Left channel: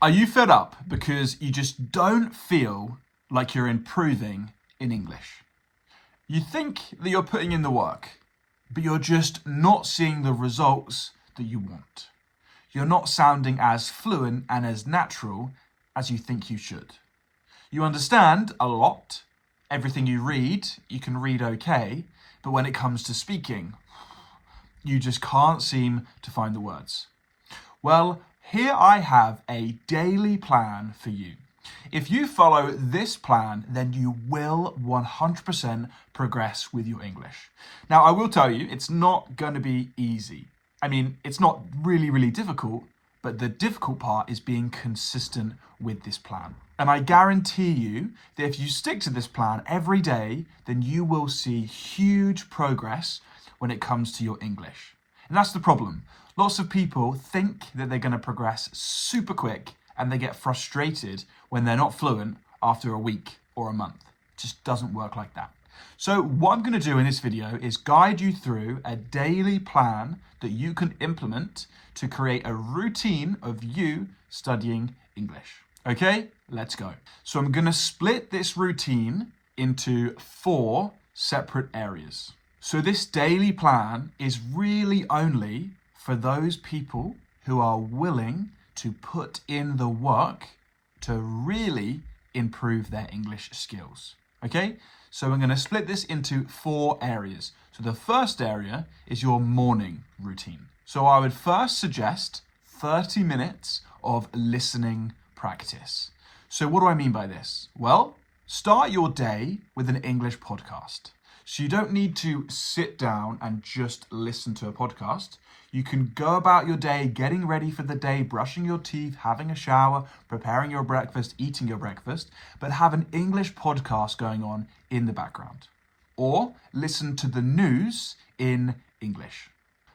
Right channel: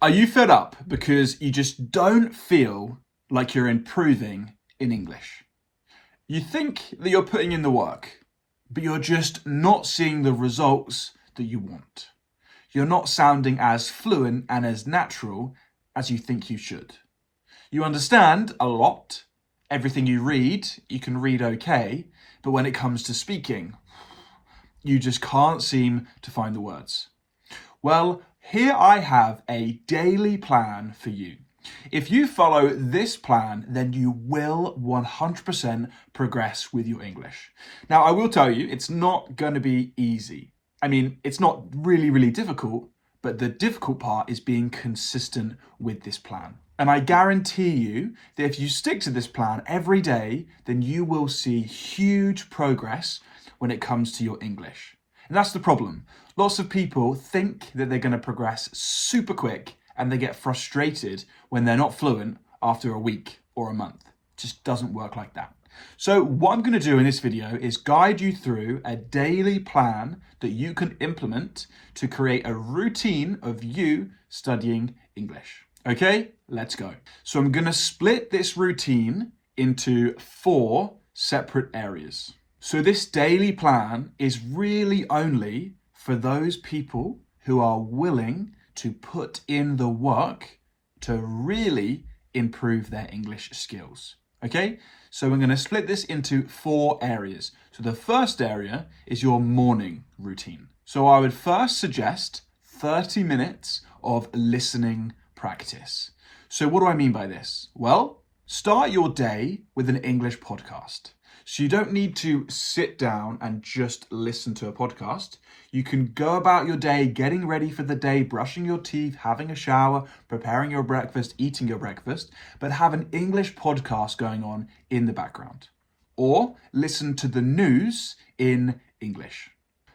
Are you fed up because you just don't feel like you're improving in English? You think that you're putting in the work, but you're just not seeing the results that you want. You're not sounding as fluent and as natural as you think you should. You understand a lot. Everything you can read okay, but when it comes to speaking, you just can't seem to find the words. Well, here I have a daily plan for you. If you follow this plan, then you will 100% progress with your English. Now, I will tell you, it's not going to be easy. I mean, it's not really difficult, but the difficult part is being consistent with this plan. And I guarantee you that if you stick to this plan every day, then you will see huge progress when it comes to your English. And that's the problem. Lots of people think that they're going to progress super quick and they get frustrated when they're not fluent after a week or a month. It just doesn't work like that. So what I'm going to do in this video is guide you through a daily plan that you can implement to create a routine of you studying English. Okay, let's go. So I'm going to split this routine into 4 separate areas. So this daily plan is really only for those people who are willing to put in the work to really improve their English skills. Okay, so we're going to split this into 4 areas. So the first area is your morning routine. So I would first suggest 30 minutes of listening practice. So what do I mean by this? Well, start your day with an English podcast. So you don't need to sit down and just listen to a podcast. You can go about your day getting ready for the day, brushing your teeth, having a shower, preparing your breakfast, eating your breakfast, but have an English podcast going on in the background. Or listen to the news in English.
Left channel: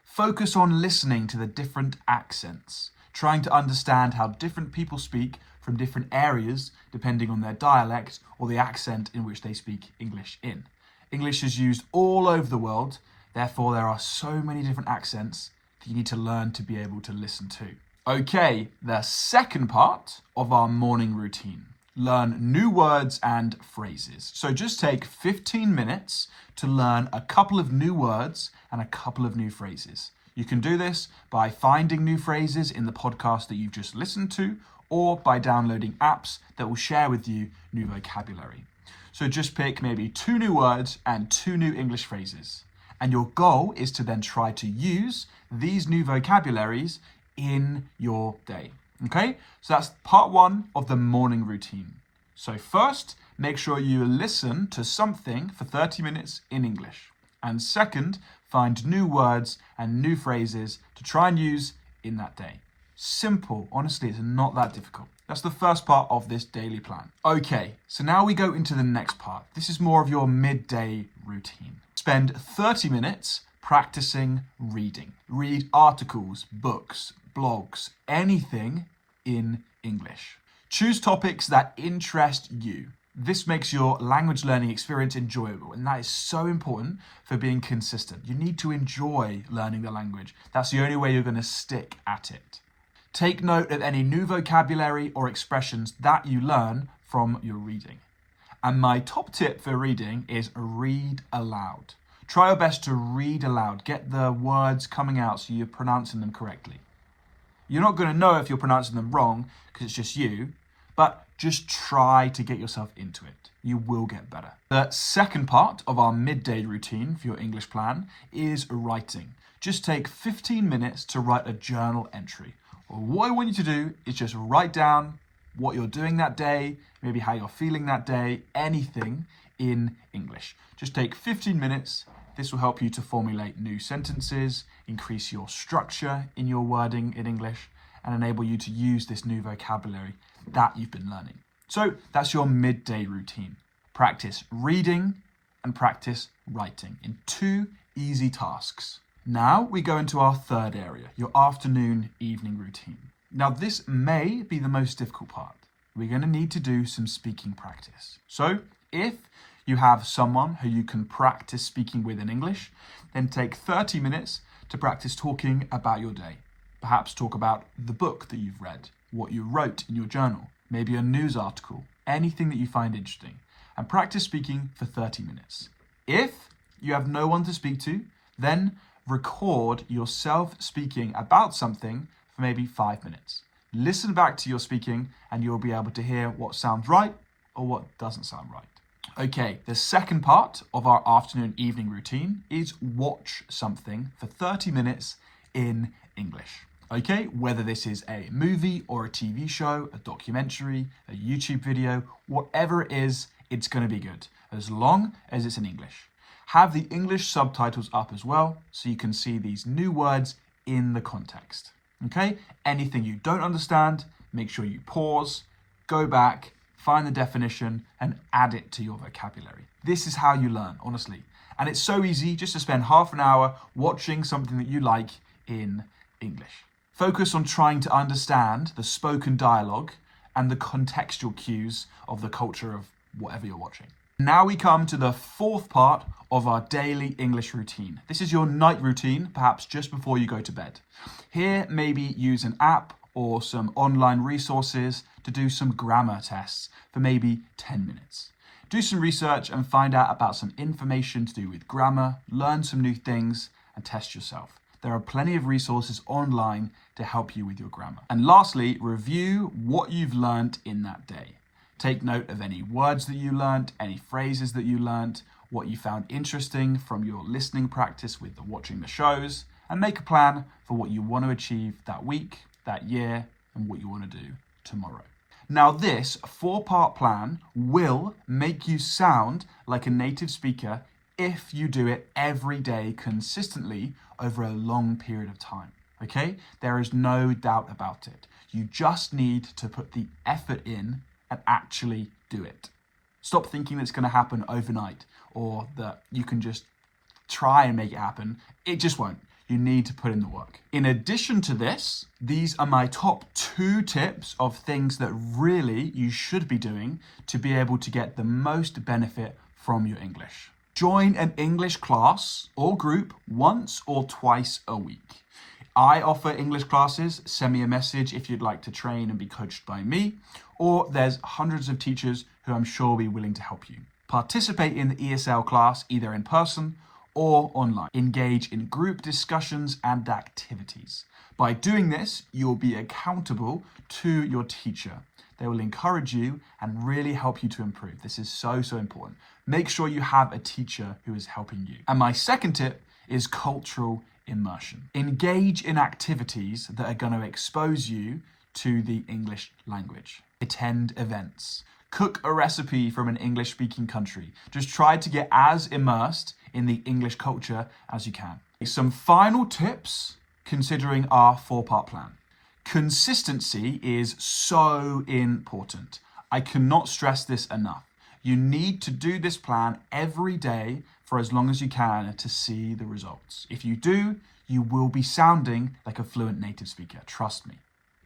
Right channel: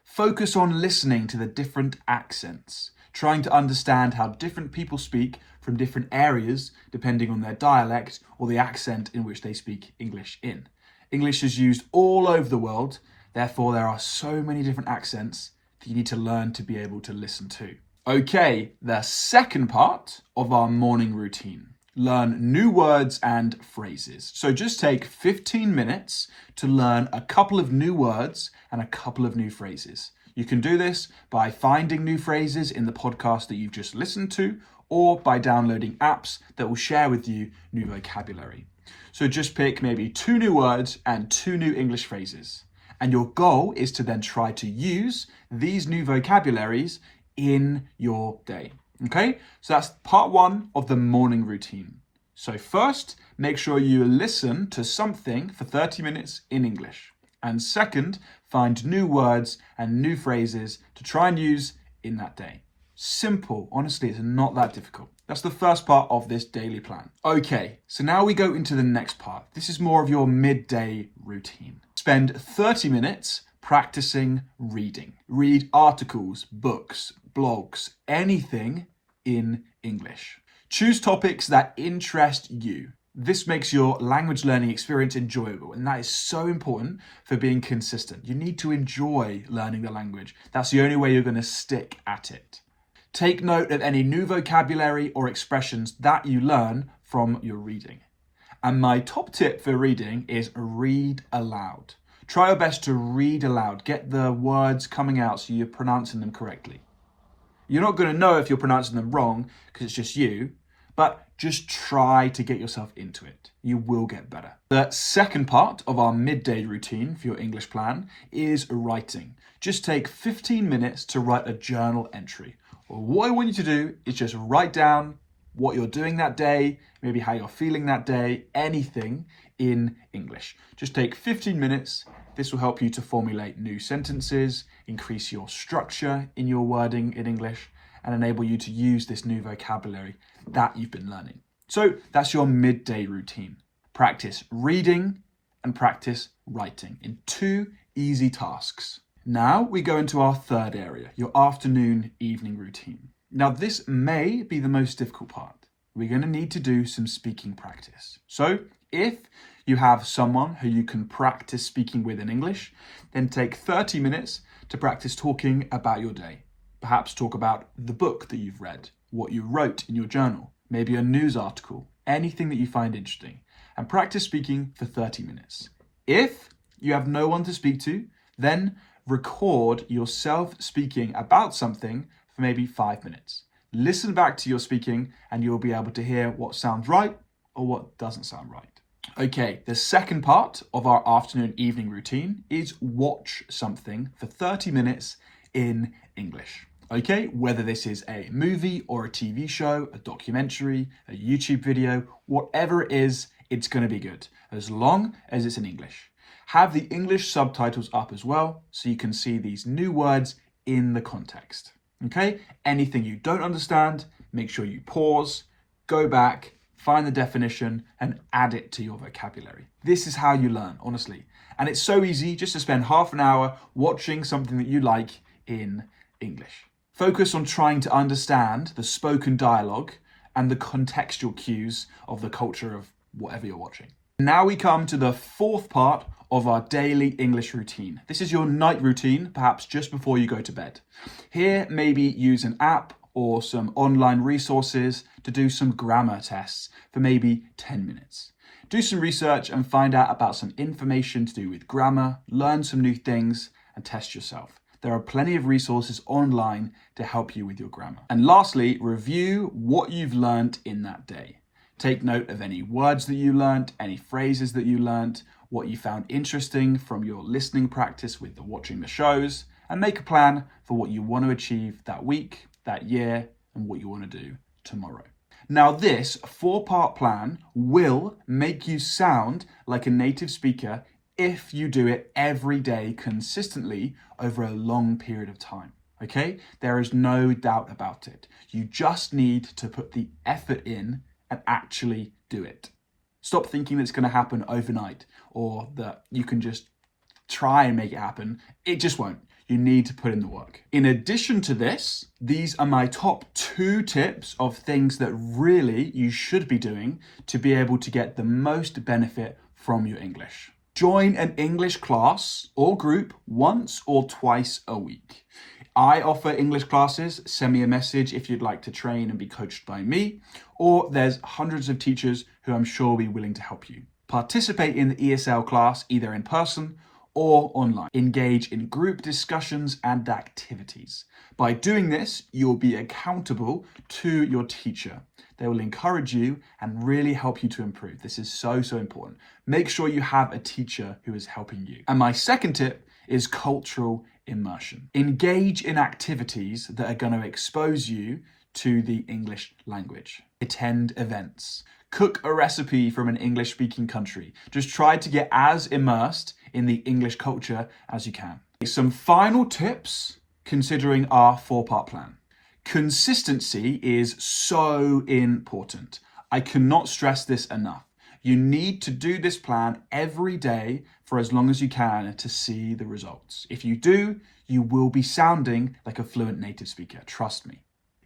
Focus on listening to the different accents, trying to understand how different people speak from different areas depending on their dialect or the accent in which they speak English in. English is used all over the world, therefore there are so many different accents that you need to learn to be able to listen to. Okay, the second part of our morning routine. Learn new words and phrases. So just take 15 minutes to learn a couple of new words and a couple of new phrases. You can do this by finding new phrases in the podcast that you've just listened to, or by downloading apps that will share with you new vocabulary. So just pick maybe 2 new words and 2 new English phrases. And your goal is to then try to use these new vocabularies in your day. Okay, so that's part 1 of the morning routine. So first, make sure you listen to something for 30 minutes in English. And second, find new words and new phrases to try and use in that day. Simple, honestly, it's not that difficult. That's the first part of this daily plan. Okay, so now we go into the next part. This is more of your midday routine. Spend 30 minutes practicing reading. Read articles, books, blogs, anything in English. Choose topics that interest you. This makes your language learning experience enjoyable, and that is so important for being consistent. You need to enjoy learning the language. That's the only way you're going to stick at it. Take note of any new vocabulary or expressions that you learn from your reading. And my top tip for reading is read aloud. Try your best to read aloud. Get the words coming out so you're pronouncing them correctly. You're not going to know if you're pronouncing them wrong because it's just you, but just try to get yourself into it. You will get better. The second part of our midday routine for your English plan is writing. Just take 15 minutes to write a journal entry. What I want you to do is just write down what you're doing that day, maybe how you're feeling that day, anything in English. Just take 15 minutes. This will help you to formulate new sentences, increase your structure in your wording in English, and enable you to use this new vocabulary that you've been learning. So that's your midday routine. Practice reading and practice writing in 2 easy tasks. Now we go into our third area, your afternoon evening routine. Now this may be the most difficult part. We're going to need to do some speaking practice. So if you have someone who you can practice speaking with in English, then take 30 minutes to practice talking about your day. Perhaps talk about the book that you've read, what you wrote in your journal, maybe a news article, anything that you find interesting, and practice speaking for 30 minutes. If you have no one to speak to, then record yourself speaking about something for maybe 5 minutes. Listen back to your speaking and you'll be able to hear what sounds right or what doesn't sound right. Okay, the second part of our afternoon evening routine is watch something for 30 minutes in English. Okay, whether this is a movie or a TV show, a documentary, a YouTube video, whatever it is, it's going to be good, as long as it's in English. Have the English subtitles up as well, so you can see these new words in the context. Okay, anything you don't understand, make sure you pause, go back, find the definition, and add it to your vocabulary. This is how you learn, honestly. And it's so easy just to spend half an hour watching something that you like in English. Focus on trying to understand the spoken dialogue and the contextual cues of the culture of whatever you're watching. Now we come to the fourth part of our daily English routine. This is your night routine, perhaps just before you go to bed. Here, maybe use an app or some online resources to do some grammar tests for maybe 10 minutes. Do some research and find out about some information to do with grammar, learn some new things, and test yourself. There are plenty of resources online to help you with your grammar. And lastly, review what you've learned in that day. Take note of any words that you learnt, any phrases that you learnt, what you found interesting from your listening practice with watching the shows, and make a plan for what you want to achieve that week, that year, and what you want to do tomorrow. Now, this 4-part plan will make you sound like a native speaker if you do it every day consistently over a long period of time. Okay? There is no doubt about it. You just need to put the effort in and actually do it. Stop thinking that it's going to happen overnight or that you can just try and make it happen. It just won't. You need to put in the work. In addition to this, these are my top 2 tips of things that really you should be doing to be able to get the most benefit from your English. Join an English class or group once or twice a week. I offer English classes. Send me a message if you'd like to train and be coached by me, or there's hundreds of teachers who I'm sure will be willing to help you. Participate in the ESL class either in person or online. Engage in group discussions and activities. By doing this, you'll be accountable to your teacher. They will encourage you and really help you to improve. This is so important. Make sure you have a teacher who is helping you. And my second tip is cultural immersion. Engage in activities that are going to expose you to the English language. Attend events. Cook a recipe from an English-speaking country. Just try to get as immersed in the English culture as you can. Some final tips considering our 4-part plan. Consistency is so important. I cannot stress this enough. You need to do this plan every day for as long as you can to see the results. If you do, you will be sounding like a fluent native speaker, trust me.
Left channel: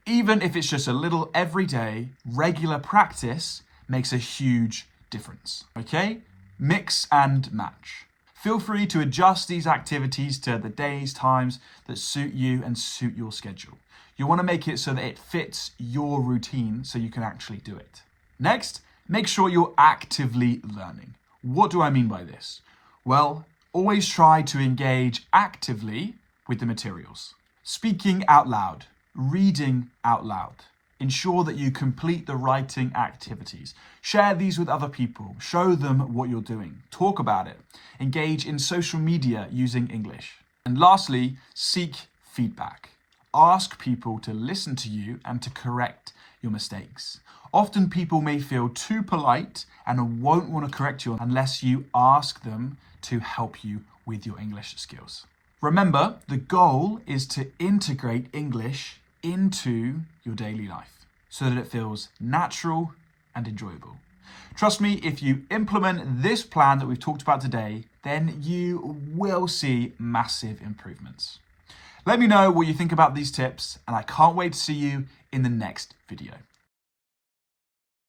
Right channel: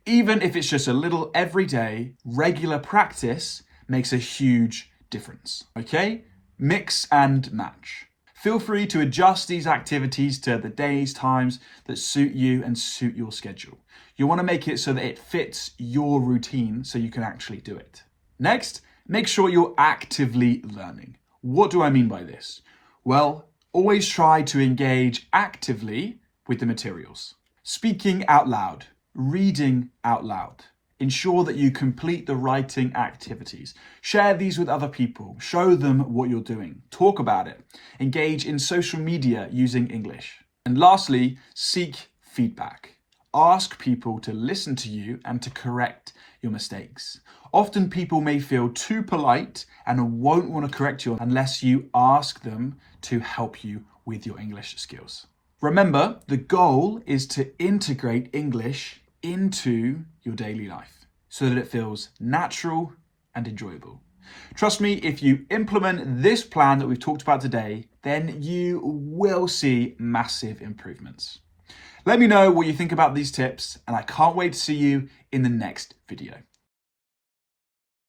Even if it's just a little everyday, regular practice makes a huge difference, okay? Mix and match. Feel free to adjust these activities to the days, times that suit you and suit your schedule. You want to make it so that it fits your routine so you can actually do it. Next, make sure you're actively learning. What do I mean by this? Well, always try to engage actively with the materials. Speaking out loud, reading out loud. Ensure that you complete the writing activities. Share these with other people. Show them what you're doing. Talk about it. Engage in social media using English. And lastly, seek feedback. Ask people to listen to you and to correct your mistakes. Often people may feel too polite and won't want to correct you unless you ask them to help you with your English skills. Remember, the goal is to integrate English into your daily life so that it feels natural and enjoyable. Trust me, if you implement this plan that we've talked about today, then you will see massive improvements. Let me know what you think about these tips, and I can't wait to see you in the next video.